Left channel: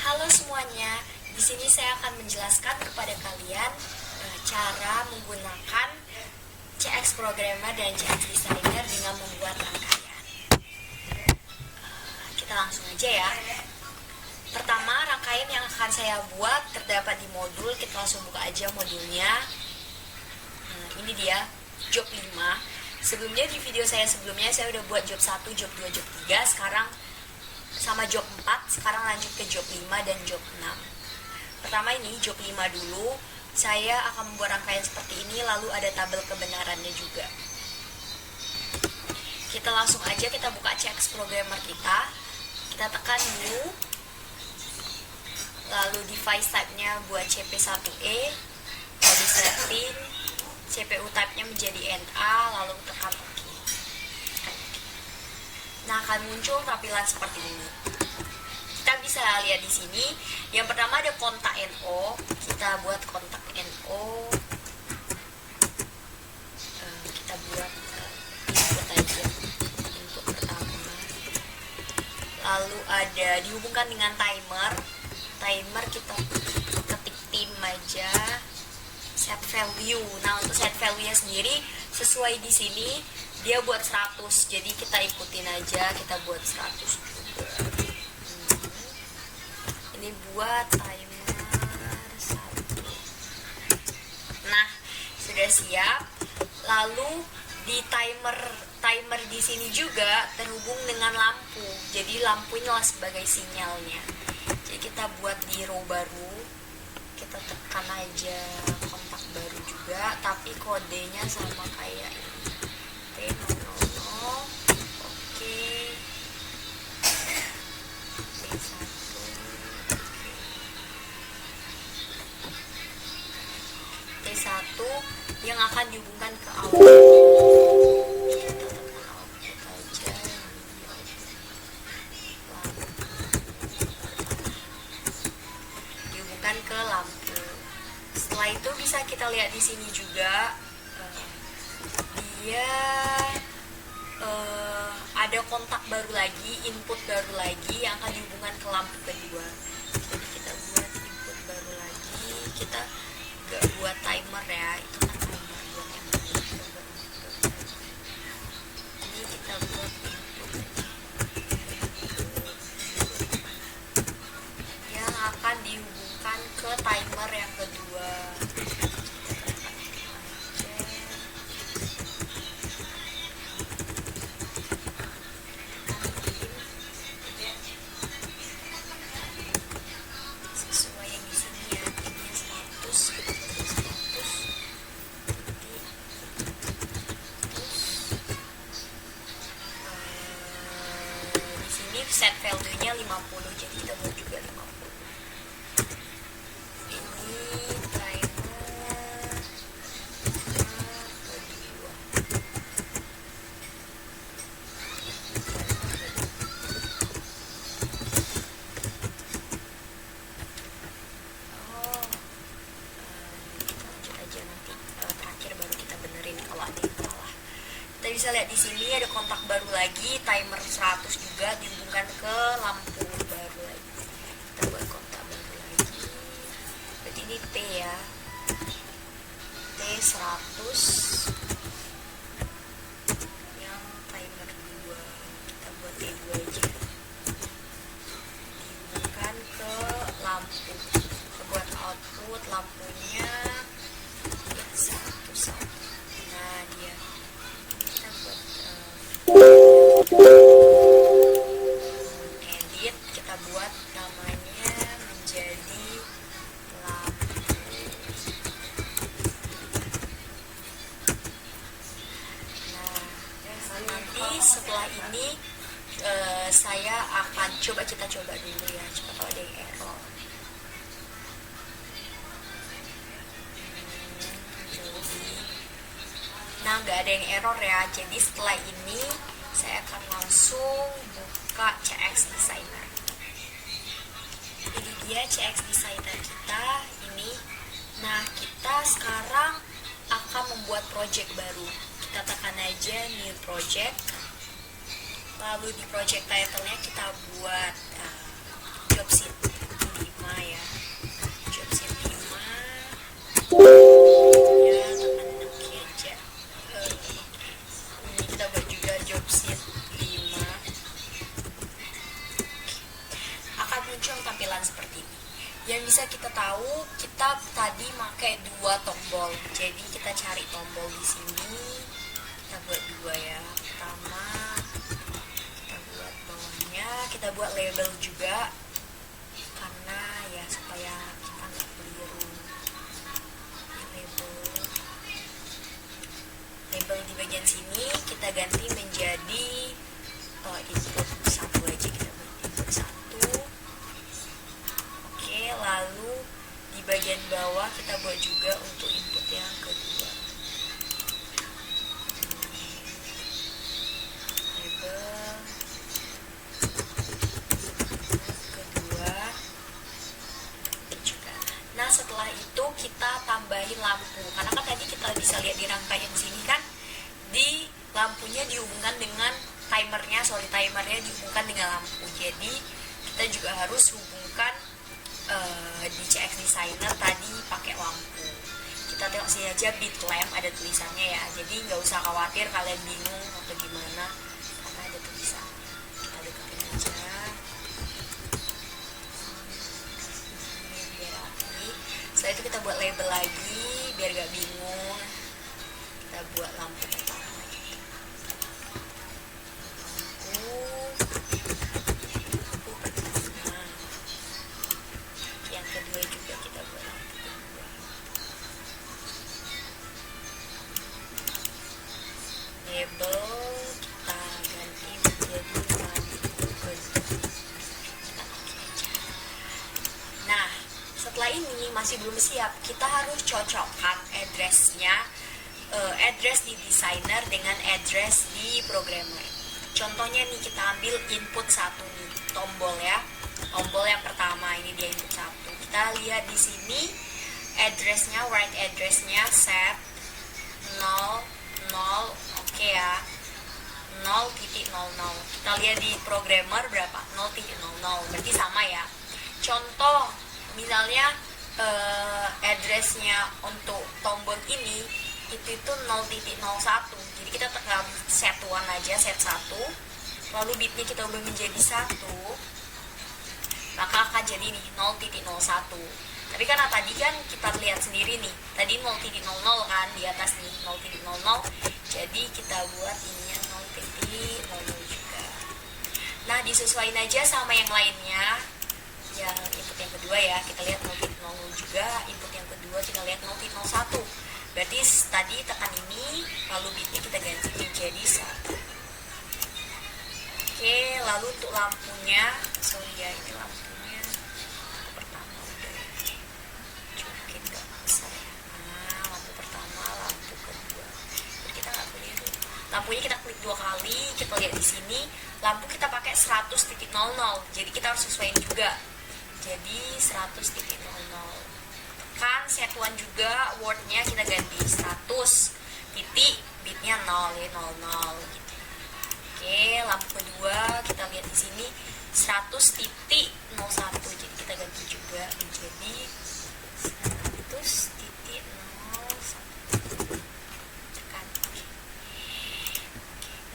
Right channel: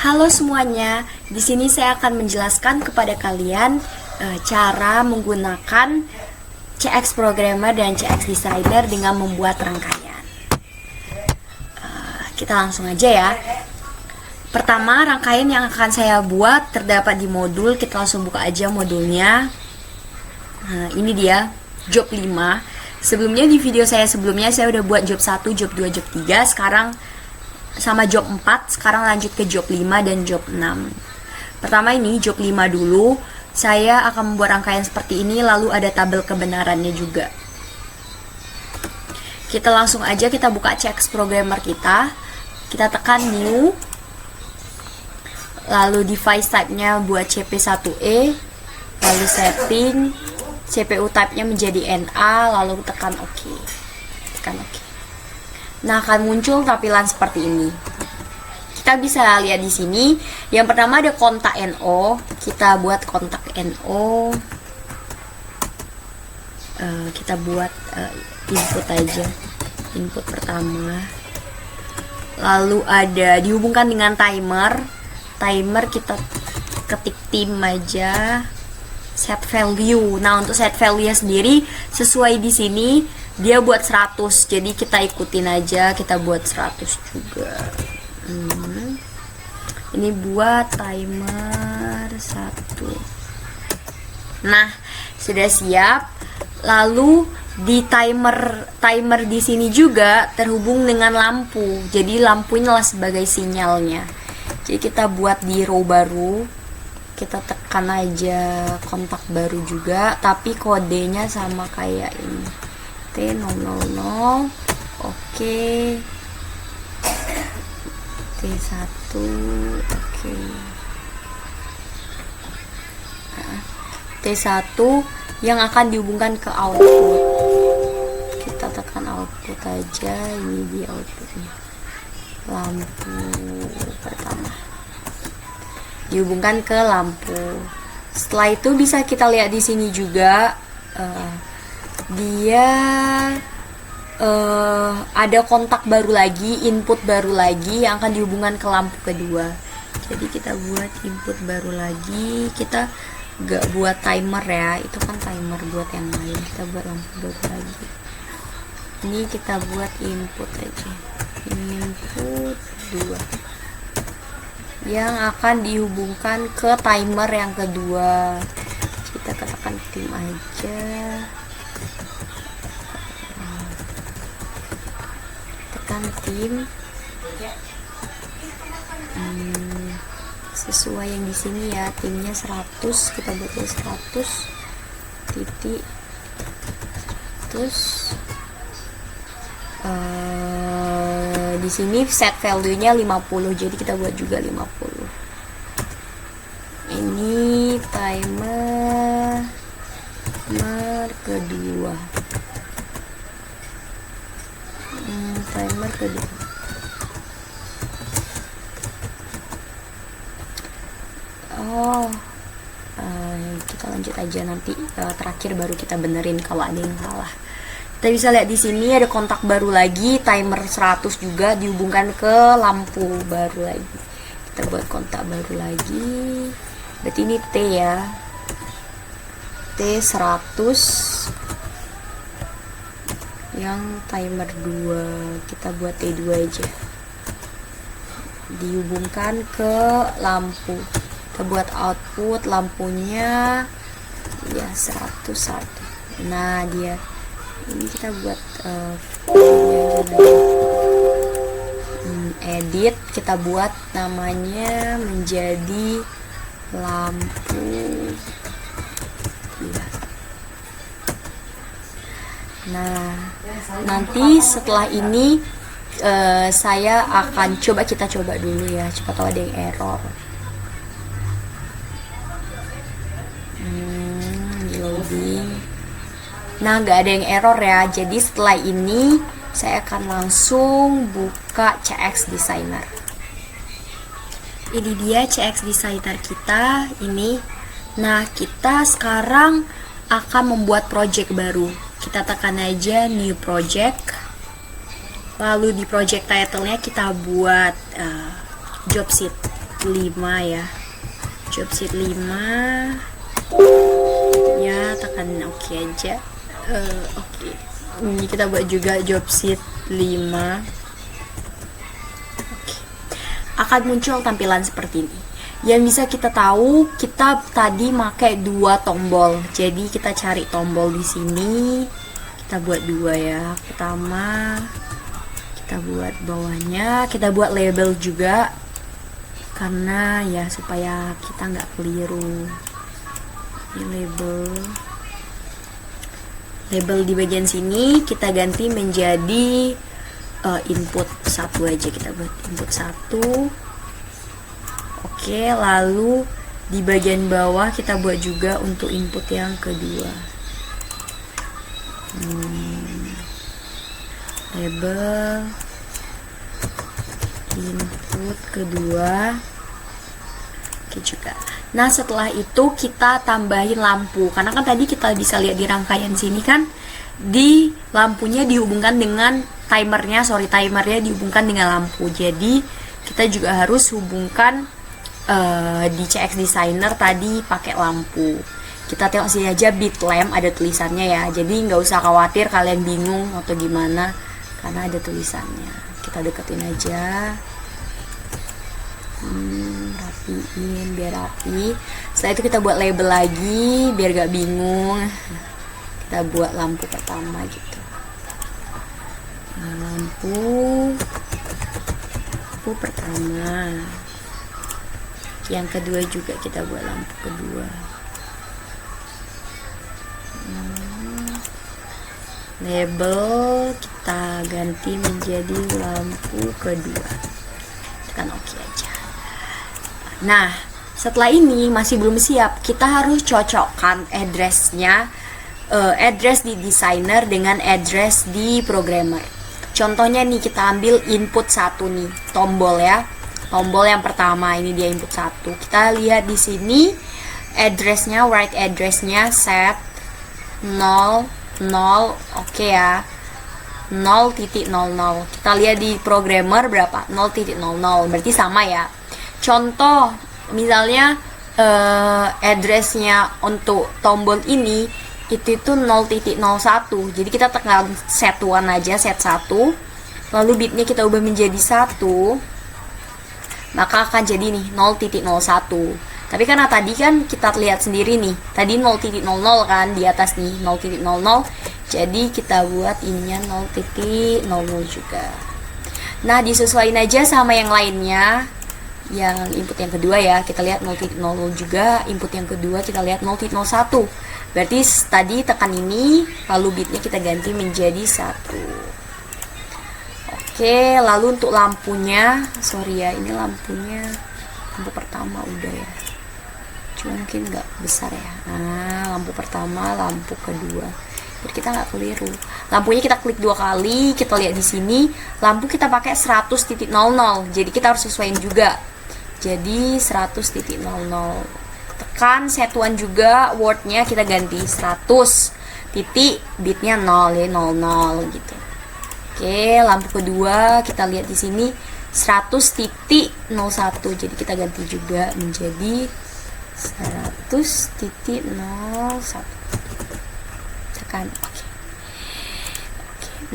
Halo semuanya, di sini saya akan menjelaskan kepada kalian cara menggunakan CX Programmer dan CX Designer dengan membuat rangkaian. Kita langsung aja ya. Pertama, rangkaian yang akan saya buat terdapat di modul. Kita langsung buka aja modulnya. Ini dia, job 5. Sebelumnya di video saya sebelumnya saya udah buat job 1, job 2, job 3. Sekarang sama job 4, sekarang lanjut ke job 5 dan job 6. Pertama ini job 5 dulu. Saya akan membuat rangkaian seperti ini, lalu ada tabel kebenarannya juga. Kita langsung aja kita buka CX Programmer kita. Kita tekan new. Lalu device type-nya buat CP1E. Lalu setting, CPU type-nya menjadi NA, lalu tekan OK. Tekan OK. Nah, akan muncul tampilan seperti ini. Kita bisa lihat di sini. Yang pertama ada kontak NO. Kita buat kontak NO. Kita buat input aja. Input pertama. Lalu ada dihubungkan dengan timer. Timer kita ketik tim aja. Set value. Nah, untuk set value sendiri sesuai di sini dia buat 100. Jadi kita ikutin aja, kita buat 100 juga. Ini buat timer 1. Nah, sudah siap. Lalu di timer di sini juga terhubung dengan lampu. Jadi lampu inilah sebagai sinyalnya. Jadi kita buat di row baru. Kita tekan aja kontak baru juga, tapi kodenya sama kayak ini. T000. Oke. T1. Oke. T1 yang akan dihubungkan ke output. Kita tekan output aja. Ini di outputnya. Lampu pertama dihubungkan ke lampu. Setelah itu bisa kita lihat di sini juga dia ada kontak baru lagi, input baru lagi yang akan dihubungkan ke lampu kedua. Jadi kita buat input baru lagi. Kita gak buat timer ya, itu kan timer buat yang lain. Kita buat lampu baru lagi. Ini kita buat input aja. Input 2 yang akan dihubungkan ke timer yang kedua. Kita katakan tim aja. Tekan tim. Sesuai yang di sini ya, timnya 100. Kita buat 100 titik. Terus di sini set value-nya 50, jadi kita buat juga 50. Ini timer kedua. Timer kedua. Kita lanjut aja nanti terakhir baru kita benerin kalau ada yang salah. Kita bisa lihat di sini ada kontak baru lagi, timer 100 juga dihubungkan ke lampu baru lagi. Kita buat kontak baru lagi. Berarti ini T ya. T100 yang timer 2. Kita buat T2 aja. Dihubungkan ke lampu. Kita buat output lampunya ya 101. Nah, dia ini kita buat edit, kita buat namanya menjadi lampu 2. Nah, nanti setelah ini saya akan kita coba dulu ya, coba tahu ada yang error. Loading. Nah, nggak ada yang error ya. Jadi setelah ini saya akan langsung buka CX Designer. Ini dia CX Designer kita ini. Nah, kita sekarang akan membuat project baru. Kita tekan aja new project. Lalu di project title-nya kita buat job sheet. 5 ya, job sheet 5 ya, tekan oke aja. Oke. Ini kita buat juga job sheet 5. Oke. Akan muncul tampilan seperti ini. Yang bisa kita tahu, kita tadi pakai 2 tombol. Jadi kita cari tombol di sini. Kita buat 2 ya. Pertama, kita buat bawahnya, kita buat label juga. Karena ya supaya kita nggak keliru. Ini label di bagian sini kita ganti menjadi input 1 aja, kita buat input 1. Oke, lalu di bagian bawah kita buat juga untuk input yang kedua. Label input kedua. Oke juga. Nah, setelah itu kita tambahin lampu. Karena kan tadi kita bisa lihat di rangkaian sini kan, di lampunya dihubungkan dengan timernya dihubungkan dengan lampu. Jadi kita juga harus hubungkan di CX Designer tadi pakai lampu. Kita tengok sini aja bit lamp, ada tulisannya ya. Jadi nggak usah khawatir kalian bingung atau gimana, karena ada tulisannya. Kita deketin aja. Rapiin biar rapi. Setelah itu kita buat label lagi biar gak bingung. Kita buat lampu pertama gitu. Lampu pertama. Yang kedua juga kita buat lampu kedua. Label kita ganti menjadi lampu kedua. Tekan oke aja. Nah, setelah ini masih belum siap, kita harus cocokkan address-nya, address di designer dengan address di programmer. Contohnya nih, kita ambil input 1 nih, tombol ya. Tombol yang pertama ini dia input 1. Kita lihat di sini address-nya, write address-nya set 0 0, oke ya. 0.00. Kita lihat di programmer berapa? 0.00. Berarti sama ya. Contoh misalnya addressnya untuk tombol ini itu 0.01. Jadi kita tekan set 1 aja, set 1. Lalu bitnya kita ubah menjadi 1. Maka akan jadi nih 0.01. Tapi karena tadi kan kita lihat sendiri nih, tadi 0.00 kan di atas nih 0.00. Jadi kita buat ininya 0.00 juga. Nah, disesuaikan aja sama yang lainnya. Yang input yang kedua ya, kita lihat 0.00 juga. Input yang kedua kita lihat 0.01. Berarti tadi tekan ini, lalu bitnya kita ganti menjadi 1. Oke, lalu untuk lampunya, sorry ya, ini lampunya lampu pertama udah ya. Cuma mungkin nggak besar ya. Nah, lampu pertama, lampu kedua. Biar kita nggak keliru. Lampunya kita klik 2 kali, kita lihat di sini, lampu kita pakai 100.00. Jadi kita harus sesuaiin juga. Jadi 100.00. Tekan satuan juga, wordnya kita ganti 100 titik, bitnya 0 ya, 00 gitu. Oke, lampu kedua kita lihat di sini 100.01. Jadi kita ganti juga menjadi 100.01. Tekan oke.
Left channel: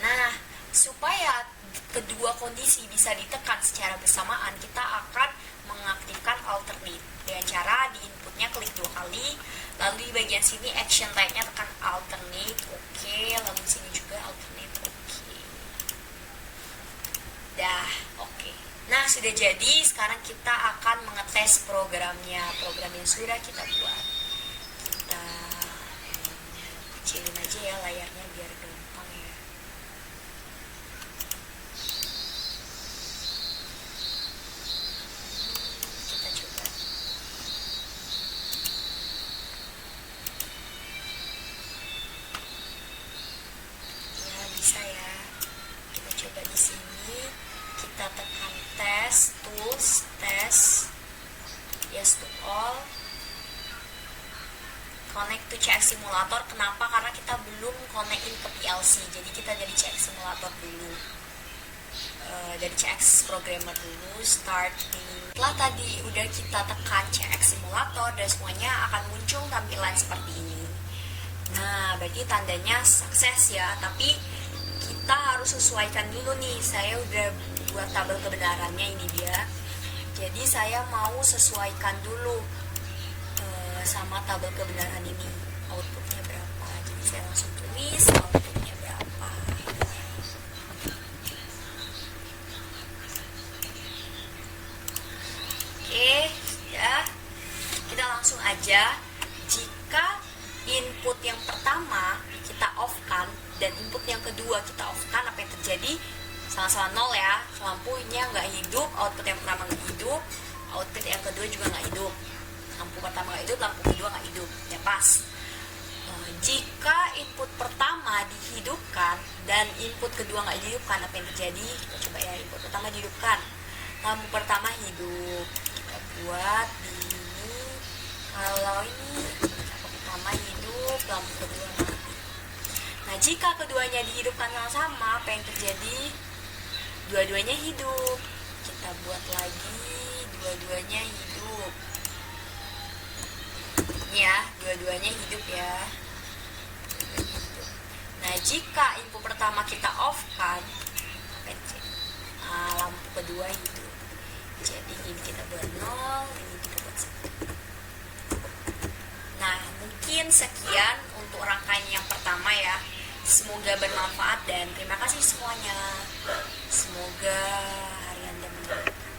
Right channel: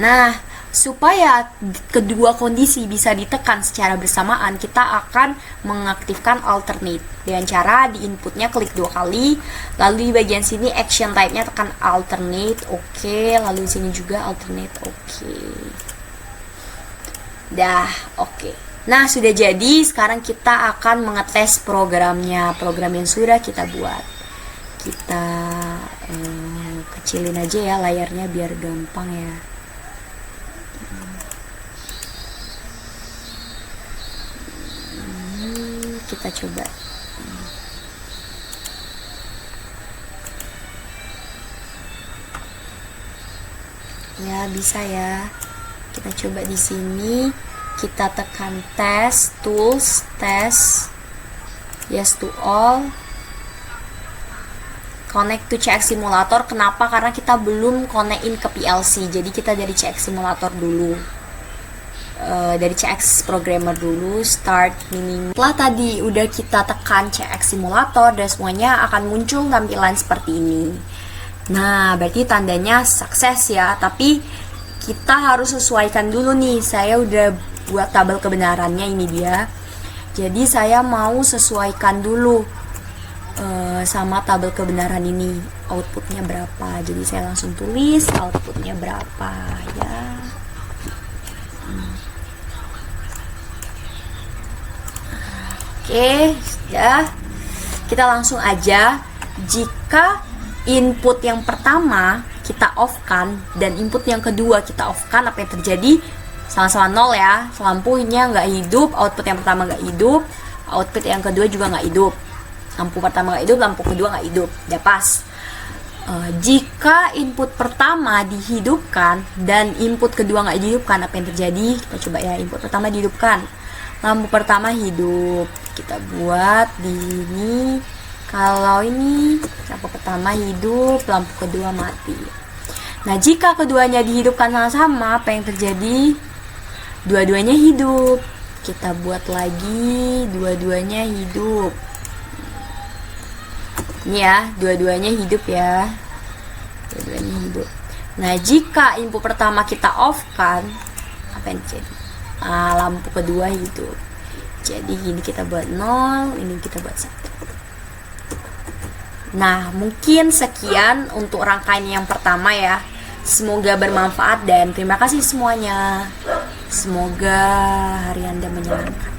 Nah, supaya kedua kondisi bisa ditekan secara bersamaan, kita akan mengaktifkan alternate dengan cara di inputnya klik 2 kali, lalu di bagian sini action type-nya tekan alternate, oke, lalu di sini juga alternate, oke. Dah, oke. Nah, sudah jadi, sekarang kita akan mengetes programnya, program yang sudah kita buat. Kita kecilin aja ya layarnya biar gampang ya. Kita coba ya, bisa ya. Kita coba di sini, kita tekan tes, tools, tes, yes to all, connect to CX Simulator. Kenapa? Karena kita belum connect in ke PLC, jadi kita dari CX Simulator dulu. dari CX Programmer dulu, start minimum. Setelah tadi udah kita tekan CX Simulator dan semuanya akan muncul tampilan seperti ini. Nah, berarti tandanya sukses ya, tapi kita harus sesuaikan dulu nih. Saya udah buat tabel kebenarannya, ini dia. Jadi saya mau sesuaikan dulu sama tabel kebenaran ini, outputnya berapa. Jadi saya langsung tulis outputnya berapa ya. Oke, sudah. Kita langsung aja. Jika input yang pertama kita off kan dan input yang kedua kita off kan, apa yang terjadi? Sama-sama nol ya. Lampunya nggak hidup, output yang pertama nggak hidup, output yang kedua juga nggak hidup. Lampu pertama nggak hidup, lampu kedua nggak hidup. Ya pas. Jika input pertama dihidupkan dan input kedua nggak dihidupkan, apa yang terjadi? Kita coba ya. Input pertama dihidupkan, lampu pertama hidup. Kita buat di ini. Kalau ini lampu pertama hidup, lampu kedua mati. Nah, jika keduanya dihidupkan sama-sama, apa yang terjadi? Dua-duanya hidup. Kita buat lagi, dua-duanya hidup. Ini ya, dua-duanya hidup ya. Dua-duanya hidup. Nah, jika input pertama kita off kan, apa yang terjadi? Lampu kedua hidup. Jadi ini kita buat 0, ini kita buat 1. Nah, mungkin sekian untuk rangkaian yang pertama ya. Semoga bermanfaat dan terima kasih semuanya. Semoga hari Anda menyenangkan.